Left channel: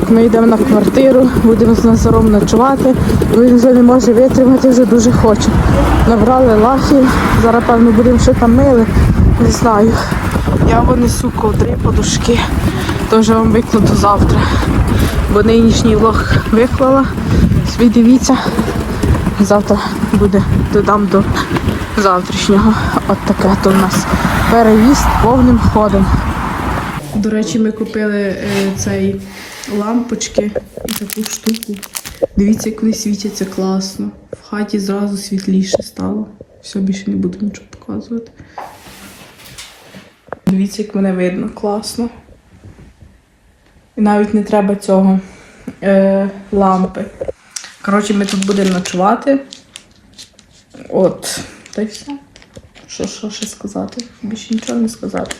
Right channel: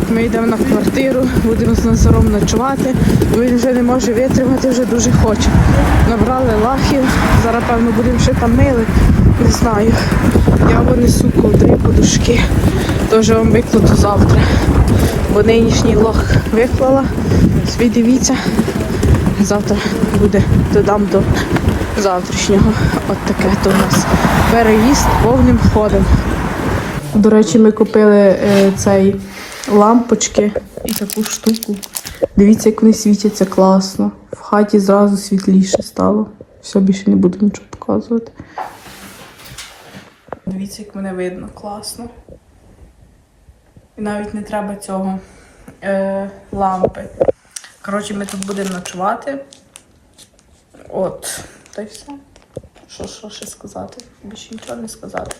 Так, ми йдемо на квартиру, будемо з Назаром ночувати. Він вже не може витримати, вже дуже хоче. Набрали лахи, зараз певно будемо ще там мили. Не знаю. Я винесу ковдри подушки. Тож вам викладу завтра. Бо нинішній влог виклала. Ви дивіться. Завтра буде додам до завтрашнього. От таке то у нас переїзд повним ходом. До речі, ми купили е, цей лампочки і таку штуку. Дивіться, як вони світяться класно. В хаті зразу світліше стало. Все, більше не буду нічого показувати. Дивіться, як мене видно класно. І навіть не треба цього е, лампи. Коротше, ми тут будемо ночувати. От, та й все. Що, що ще сказати? Більше нічого не сказати.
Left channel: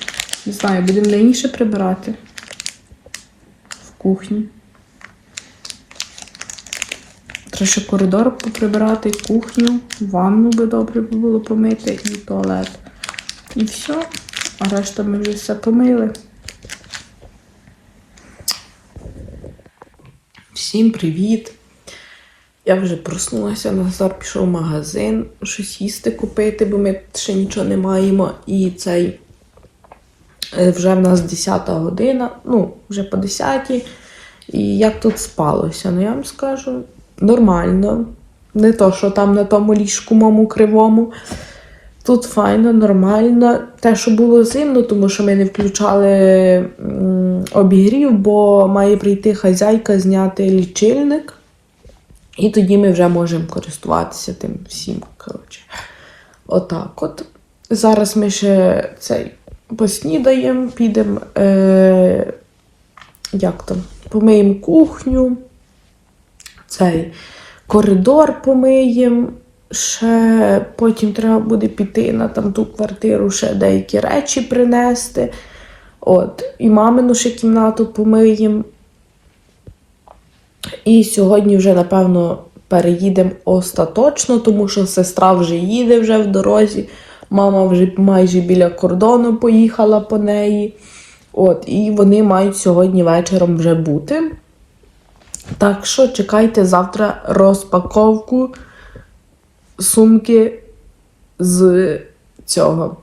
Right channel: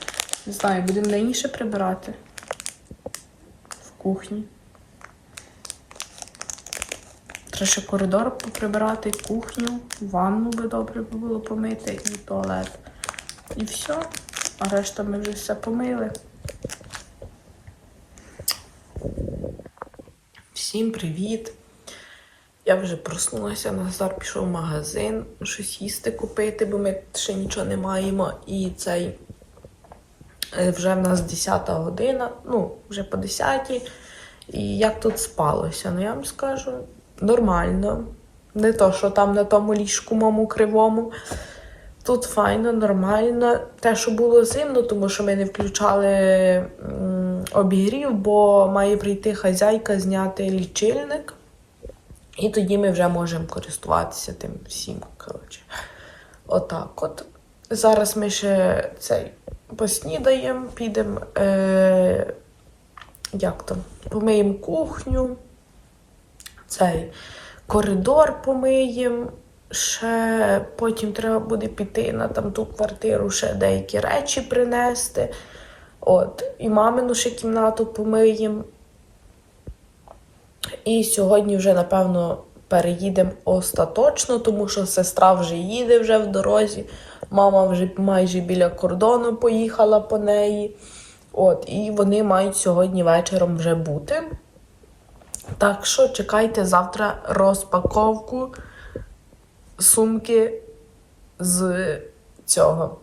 Не знаю, будемо найніше прибирати в кухні. Треба ще коридор поприбирати, кухню, ванну би добре було помити і туалет. І все. А решта ми вже все помили. Всім привіт! Я вже проснулася, Назар пішов в магазин, щось їсти купити, бо ми ще нічого не маємо. І цей вже в нас 10 година, ну, вже по 10. І як тут спалося? Ну, я вам скажу, нормально. Не то, що там на тому ліжку моєму кривому. Тут файно, нормально. Те, що було зимно, тому що ми не включали обігрів, бо має прийти хазяйка зняти лічильник. І тоді ми вже можемо користуватися тим всім. Коротше. Отак от. Зараз ми ще цей поснідаємо, підемо. Е, як там? Помиємо кухню, цей коридор помиємо. Ще потім треба буде піти на там ту квартиру, ще деякі речі принести. От. І мамину ще кімнату помиємо. І сьогодні вже, напевно, переїдемо остаточно, тому що сестра вже їде вже в дорозі. Мама вже майже біля кордону поїхала по неї. От, і вони мають сьогодні вечором вже бути. Так що чекайте завтра розпаковку сумки з цього,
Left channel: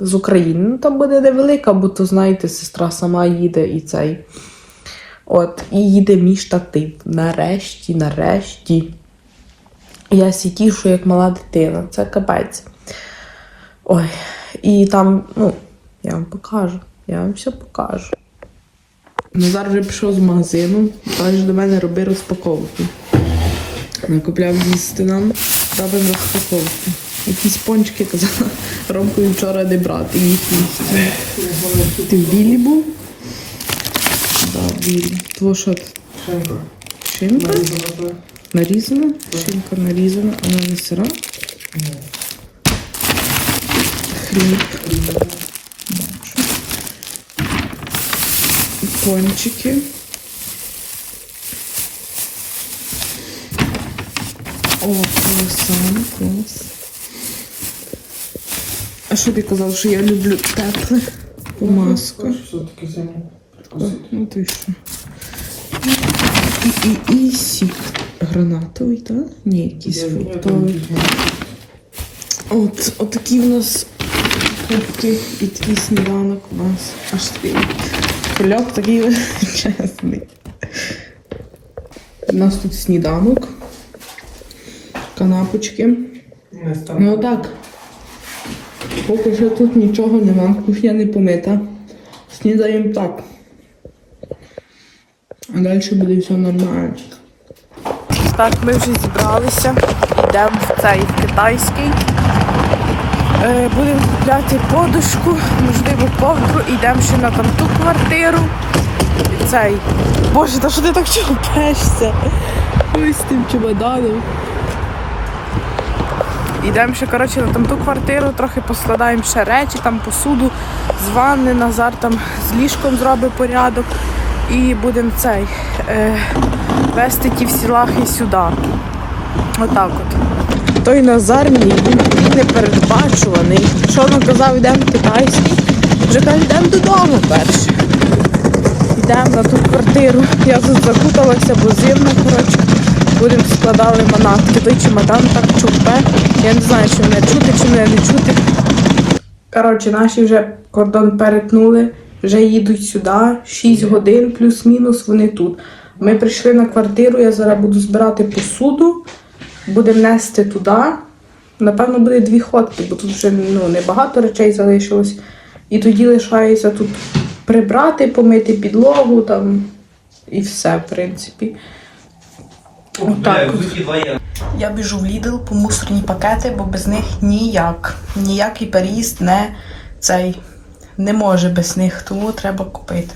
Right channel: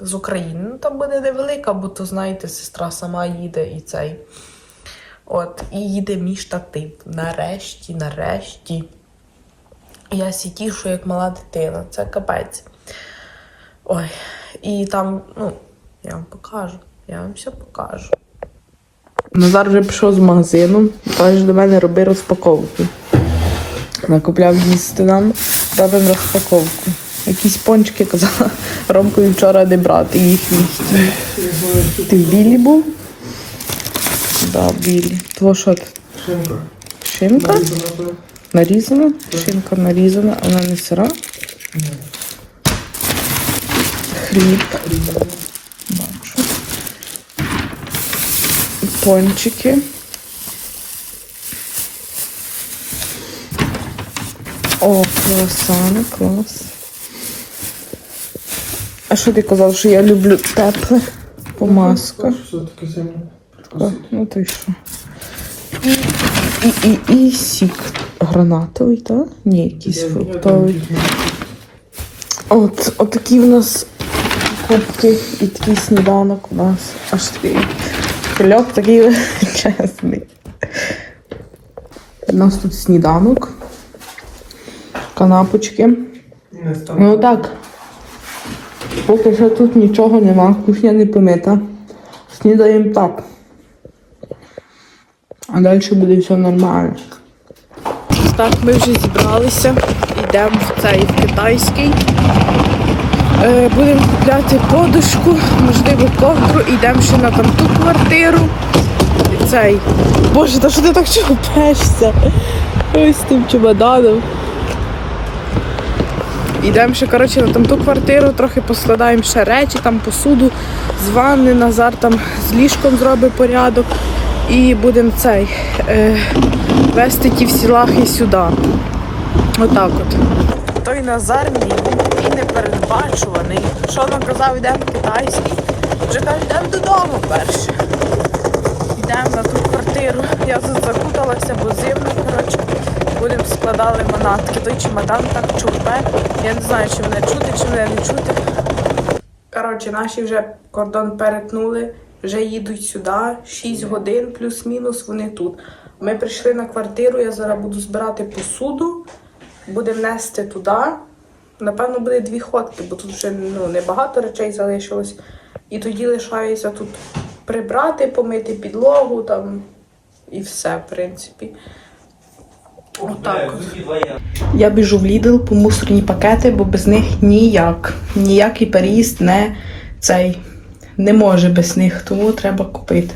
з України. Там буде невелика, бо то, знаєте, сестра сама їде і цей. От, і їде мій штатив. Нарешті, нарешті. Я сітішу, як мала дитина. Це капець. Ой, і там, ну, я вам покажу. Я вам все покажу. Назар вже пішов з магазину, каже до мене роби розпаковку. Накупляв їсти нам, робимо розпаковку. Якісь пончики казала, Ромкові вчора не брати їх їсти. Ти в білі був? Да, білі. Того що? це? Шинка. Шинка? Нарізана? Шинка нарізана, а вона не сира. Хліб. Бачу. Пончики. О, круасани, клас. А що ти казав, що я люблю тепле? Помазка. О, ну то й що. І, і, і сік гранатовий, так? Ні, якийсь фруктовий. От, от такі в нас кубки і такий сніданок у нас. Аж такий кульок такий величезний. У нас тут сніданок. Канапочки. Ну так. Поки що тут нічого нема, кухня не помита. Снідаємо так. А далі буде все нормально. Так, ми вже зібралися. Йдемо в цей в китайський. Е, будемо купляти подушку, можливо, ковдру, йдемо ще на там ту квартиру. Цей. Боже, та що ти так чупешся? Ось тим чемоданом. Йдемо ще коротше, на там ту квартиру, трохи поскладаємо ще речі, там посуду з ванни, Назар там з ліжком зробить порядок. І будемо цей е, вести ті всі лахи сюди. Отак от. Той Назар мій, непередбачуваний. Що він казав, йдемо в китайський, вже каже, йдемо додому перше. Йдемо на ту квартиру. Я тут закуталася, бо зимно, коротше. Будемо складали манатки. Той чемодан так чупе. Я не знаю, чи мене чути, чи мене не чути. Коротше, наші вже кордон перетнули, вже їдуть сюди. 6 годин плюс-мінус вони тут. Ми прийшли на квартиру, я зараз буду збирати посуду, будемо нести туди. Напевно, буде дві ходки, бо тут вже ну, небагато речей залишилось. І тоді лишається тут прибрати, помити підлогу там і все, в принципі. Отак. Я біжу в Lidl по мусорні пакети, бо без них ніяк. Ніякий переїзд не цей не може без них, тому треба купити.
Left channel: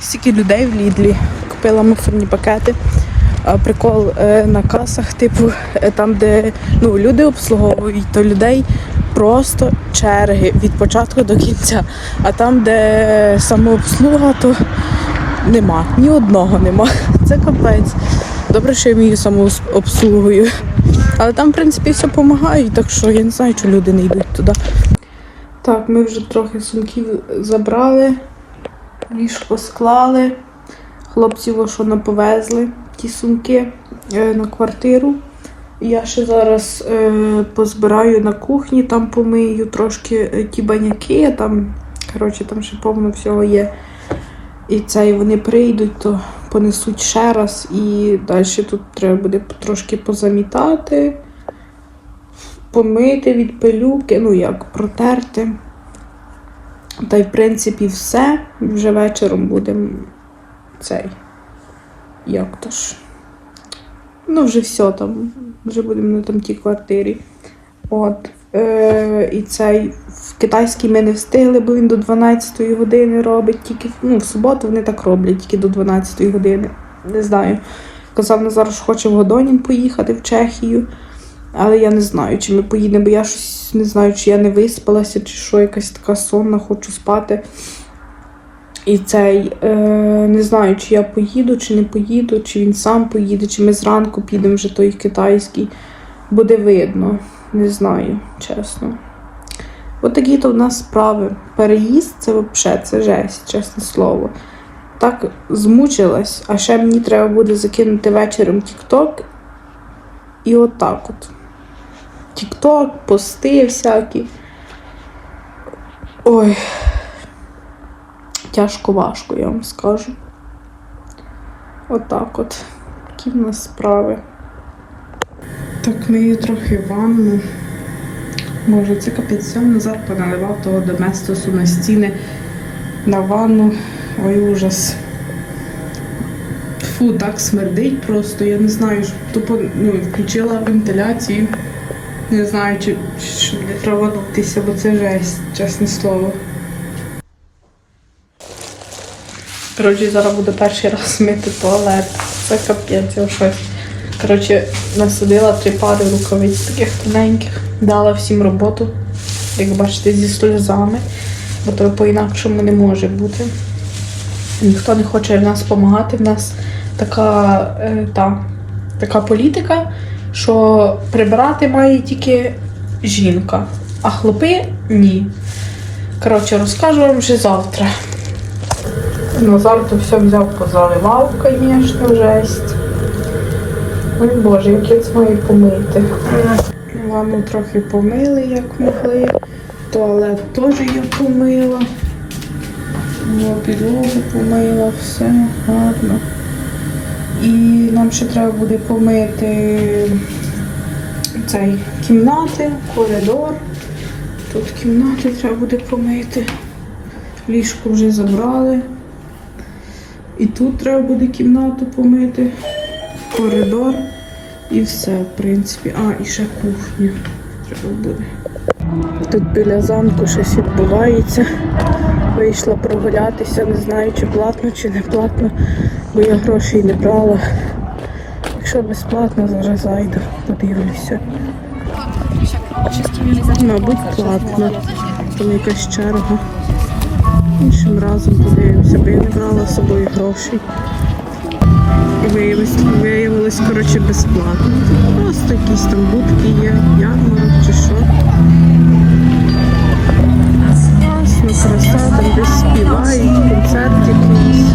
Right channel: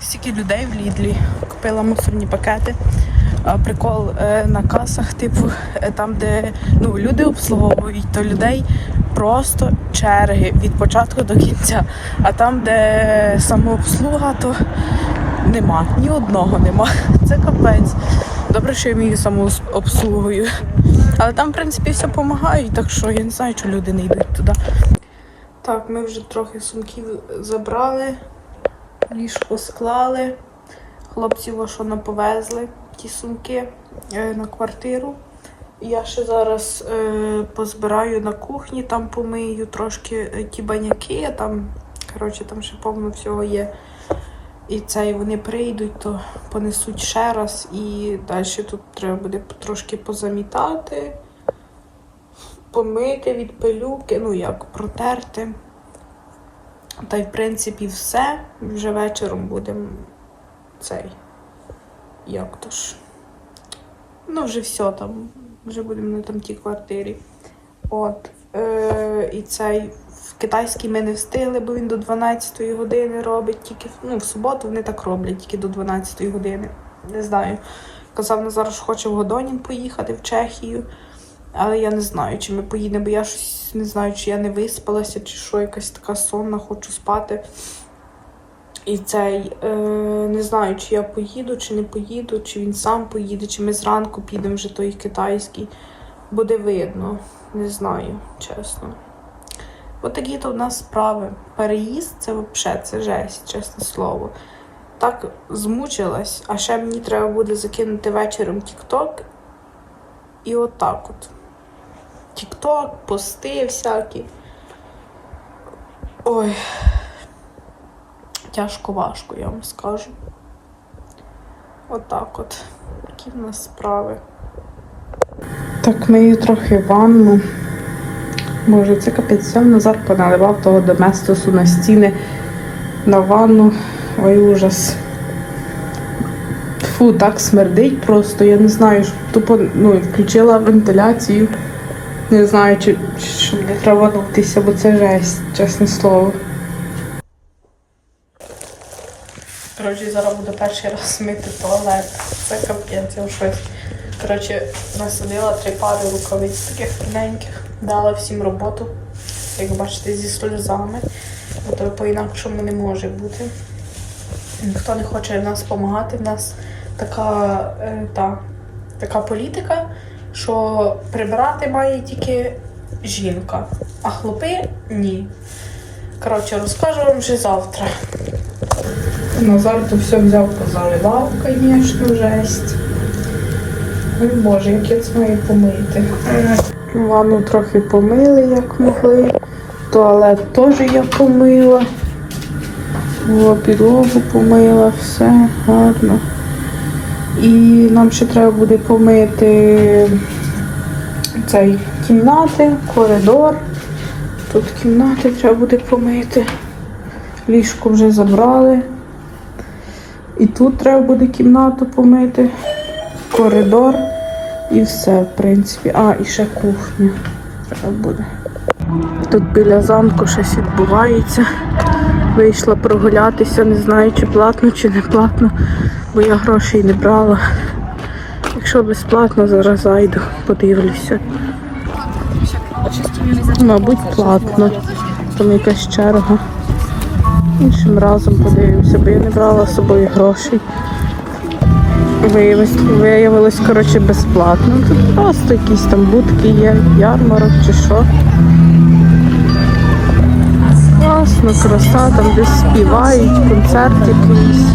Стільки людей в Лідлі купила мусорні пакети. Прикол е, на касах, типу, е, там, де ну, люди обслуговують, то людей просто черги від початку до кінця. А там, де самообслуга, то нема. Ні одного нема. Це капець. Добре, що я вмію самообслугою. Але там, в принципі, все допомагають, так що я не знаю, чи люди не йдуть туди. Так, ми вже трохи сумків забрали, ліжко склали. Хлопців що наповезли ті сумки е, на квартиру. Я ще зараз е, позбираю на кухні, там помию трошки е, ті баняки, там, коротше, там ще повно всього є. І це, вони прийдуть, то понесуть ще раз, і далі тут треба буде трошки позамітати, помити від пилюки, ну як, протерти. Та й в принципі все. Вже вечором будемо цей. Як то ж? Ну, вже все там. Вже будемо на там тій квартирі. От. Е, і цей в китайський ми не встигли, бо він до 12 години робить. Тільки ну, в суботу вони так роблять, тільки до 12 години. Не знаю. Казав Назар, що хоче в Годонін поїхати в Чехію. Але я не знаю, чи ми поїдемо, бо я щось не знаю, чи я не виспалася, чи що, якась така сонна, хочу спати. І цей е, не знаю, чи я поїду, чи не поїду, чи він сам поїде, чи ми зранку підемо вже той китайський. Буде видно. Не знаю, чесно. От то в нас справи. Переїзд це взагалі це жесть, чесне слово. Так змучилась, а ще мені треба буде закинути вечором TikTok. І отак от. TikTok, пости всякі. Ой. Тяжко важко, я вам скажу. Отак от. Такі в нас справи. Так, мию трохи ванну. Боже, це капець сьом Назар поналивав того доместосу на стіни на ванну. Ой, ужас. Фу, так смердить просто. Я не знаю, що тупо ну, включила вентиляцію. Не знаю, чи, чи не треба нутися, бо це жесть, чесне слово. Коротше, зараз буде перший раз мити туалет. Це капець, я шоці. Коротше, насадила три пари рукавиць таких тоненьких, дала всім роботу, як бачите, зі сльозами, бо то по-інакшому не може бути. Ніхто не хоче в нас допомагати. В нас така, е, та, така політика, що прибирати має тільки жінка, а хлопи ні. Коротше, розкажу вам вже завтра. Назар то все взяв позаливав, звісно, жесть. Ой Боже, якесь має помити. Ванну трохи помили, як могли. Туалет теж я помила. Підлогу помила, все гарно. І нам ще треба буде помити цей кімнати, коридор. Тут кімнати треба буде помити. Ліжко вже забрали. І тут треба буде кімнату помити, коридор і все, в принципі. А, і ще кухня треба буде. Тут біля замку щось відбувається. Вийшла прогулятися, не знаю, чи платно, чи не платно, бо я грошей не брала. Якщо безплатно, зараз зайду, подивлюся. Мабуть, платно. Там якась черга. Іншим разом подивимося, бо я не брала з собою грошей. Виявилось, виявилось, коротше, безплатно. Просто якісь там будки є, ярмарок чи що. Класно, краса, там десь співають, концерт якийсь.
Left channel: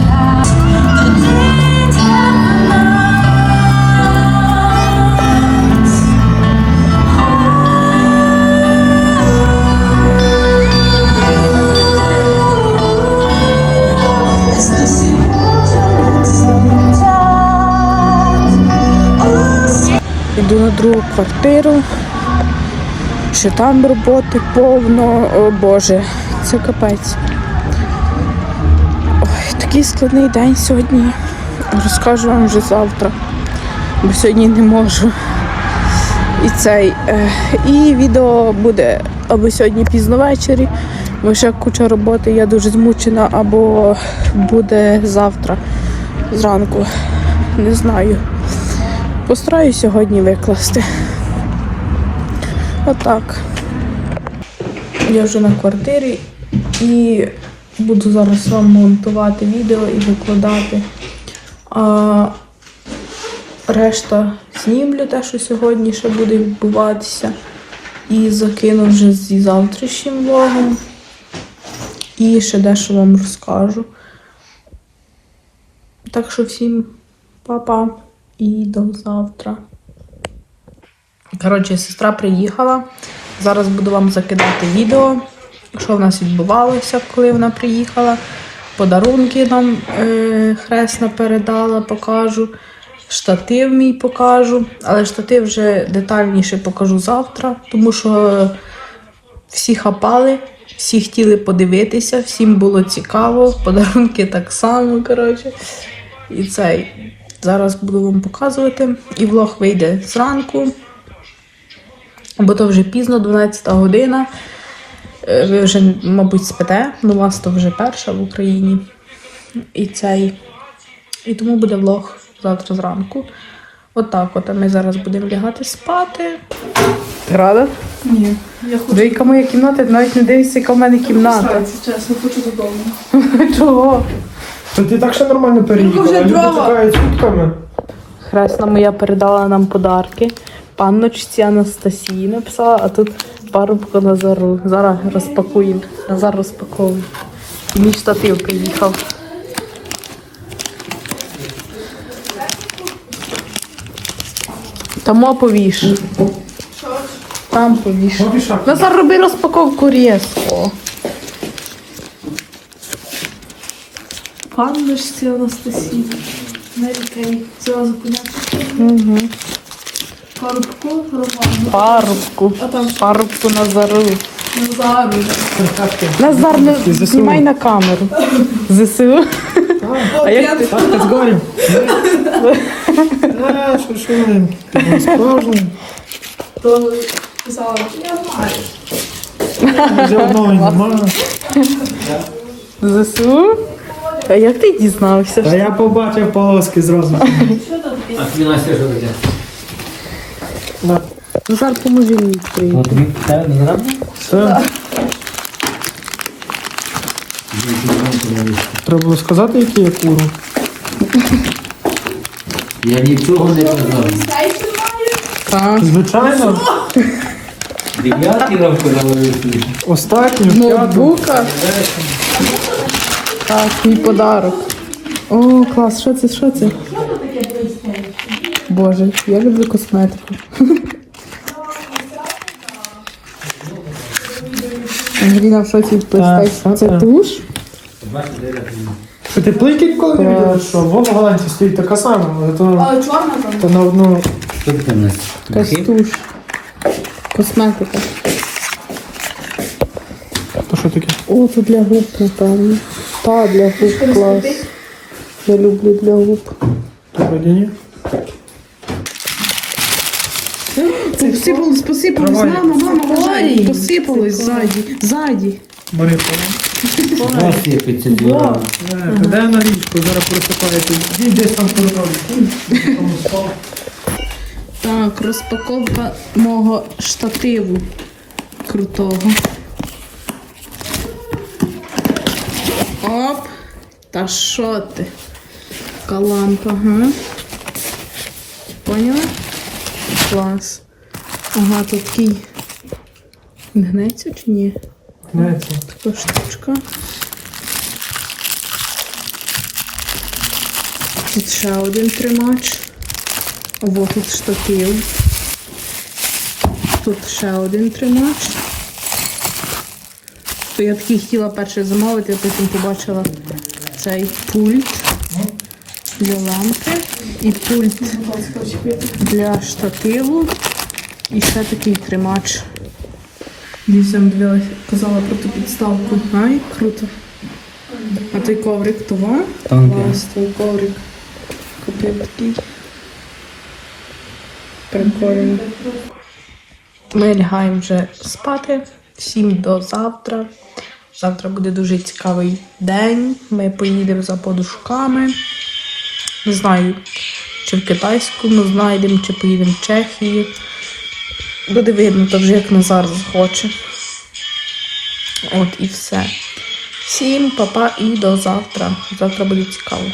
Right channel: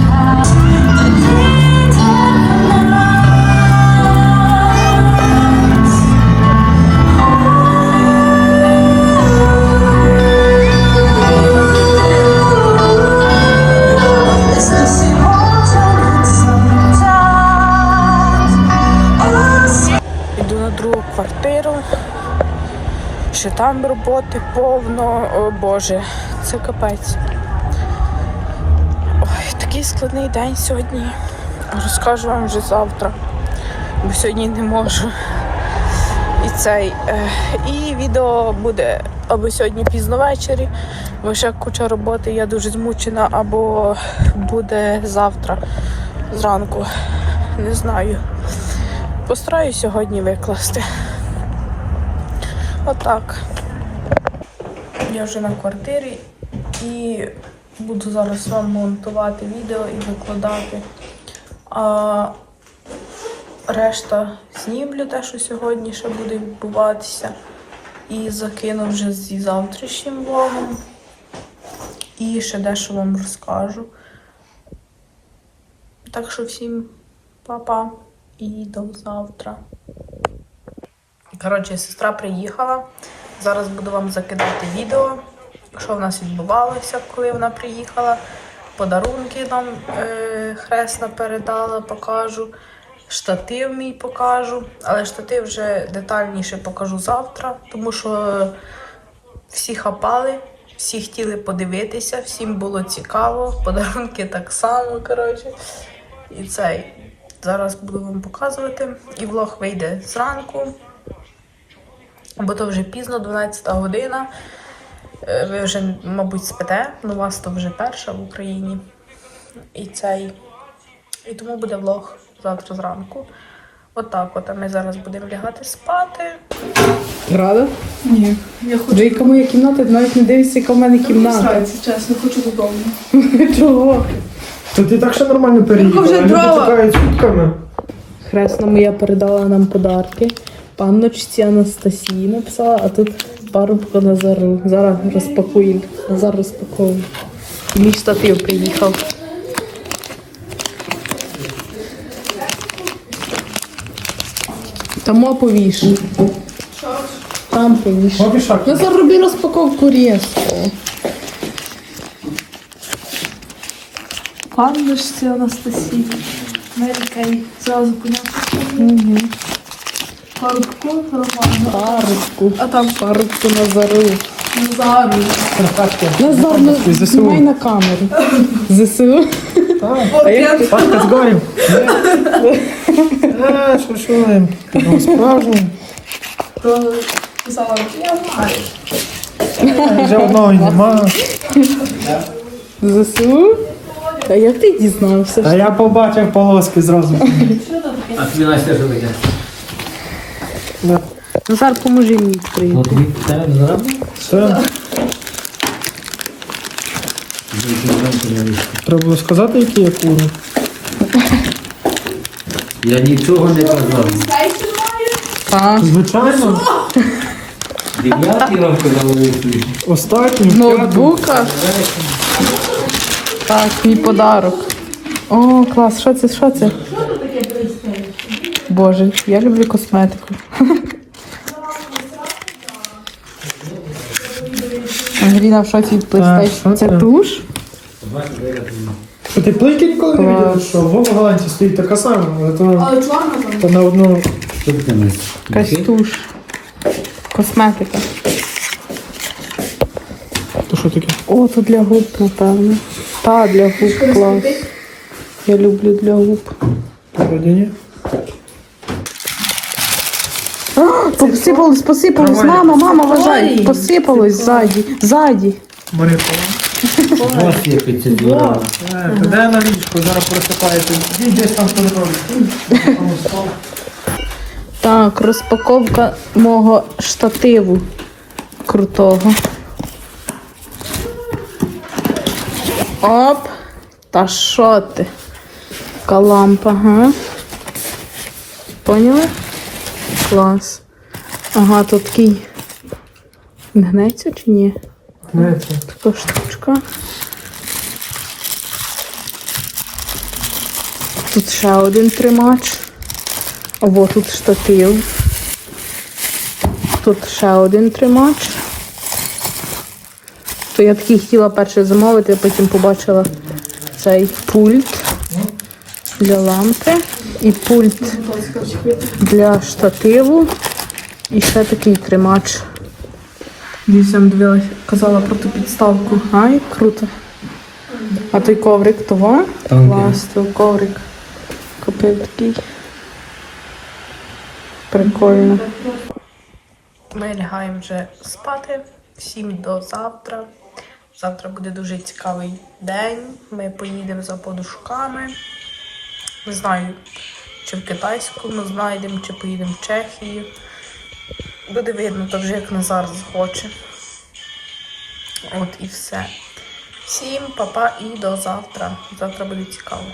Ще там роботи повно. О Боже, це капець. Ой, такий складний день сьогодні. Розкажу вам вже завтра, бо сьогодні не можу. І цей. е, І відео буде або сьогодні пізно ввечері, бо ще куча роботи, я дуже змучена, або буде завтра зранку. Не знаю. Постараюсь сьогодні викласти. Отак. Я вже на квартирі і буду зараз вам монтувати відео і викладати. А решта знімлю те, що сьогодні ще буде відбуватися. І закину вже зі завтрашнім влогом. І ще дещо вам розкажу. Так що всім па-па і до завтра. Коротше, сестра приїхала. Зараз буду вам закидати відео, що в нас відбувалося, коли вона приїхала. Подарунки нам е, хресна передала, покажу. Штатив мій покажу. Але штатив вже детальніше покажу завтра, тому що всі хапали, всі хотіли подивитися, всім було цікаво. Подарунки так само, коротше. І цей. Зараз буду вам показувати. І влог вийде зранку, бо то вже пізно, 12 година. Е, Ви вже, мабуть, спите, ну у вас то вже перша в Україні. І цей. І тому буде влог завтра зранку. Отак, от, а ми зараз будемо лягати спати. Рада? Ні, я хочу яка моя кімната, навіть не дивишся, яка в мене кімната. Кстати, чесно, хочу додому. Чого? То ти так ще нормально переїхала, вже люди дрова. Хресна моя передала нам подарки. Панночці Анастасії написала, а тут парубка Назару. Зараз розпакуємо. Назар розпаковує. Мій штатив приїхав. Тому повіш. Там повіш. Назар роби розпаковку різко. Панночці Анастасії. Мерікей. Зразу поняття. Угу. Романа. Парубку. А там парубку Назару. Назару. Назар, не знімай на камеру. ЗСУ. А як ти? Так, з горем. Що, що ви? Ну, Справжній. То казала, я знаю. Вже одного нема. ЗСУ? А як ти дізнався? Та я побачив полоски зразу. А тобі Настя що йде? Назар, поможи мені. От не зробив? Все. Треба було сказати, який я куру. Я нічого не казав. Звичайно, Дев'ятий вам казав вийти. останній, п'ятий. ноутбука? Так, мій подарок. О, клас, що це, що це? Боже, я люблю косметику. Андріна Факі Так, Це так. туш? Що ти плики коли не видиш, що вон в Голландії стоїть така сама, але то, Але чорна там. то на одну. Якась туш. Косметика. То що таке? О, це для губ, напевно. Та, для губ клас. Я люблю для губ. Вроді ні. Посипалось. Мама, мама, вважай. Посипалось ззаді. Ззаді. Маріко. Двора. Е, Де на річку, зараз просипаєте. Дій десь там коридорі. Так, розпаковка мого штативу крутого. Оп. Та що ти? Така лампа, га? Поняли? Клас. Ага, тут такий. Гнеться чи ні? Дивіться. Така штучка. Тут ще один тримач. Ого, тут штатив. Тут ще один тримач. То я такий хотіла перше замовити, а потім побачила цей пульт для лампи і пульт для штативу. І ще такий тримач. Дівсям дивилась, казала про ту підставку. Ай, круто. А той коврик того? Так, коврик. Купив такий. Прикольно. Ми лягаємо вже спати. Всім до завтра. Завтра буде дуже цікавий день. Ми поїдемо за подушками. Не знаю, чи в китайську ми знайдемо, чи поїдемо в Чехію. Буде видно, то вже як Назар захоче. От і все. Всім па-па і до завтра. Завтра буде цікаво.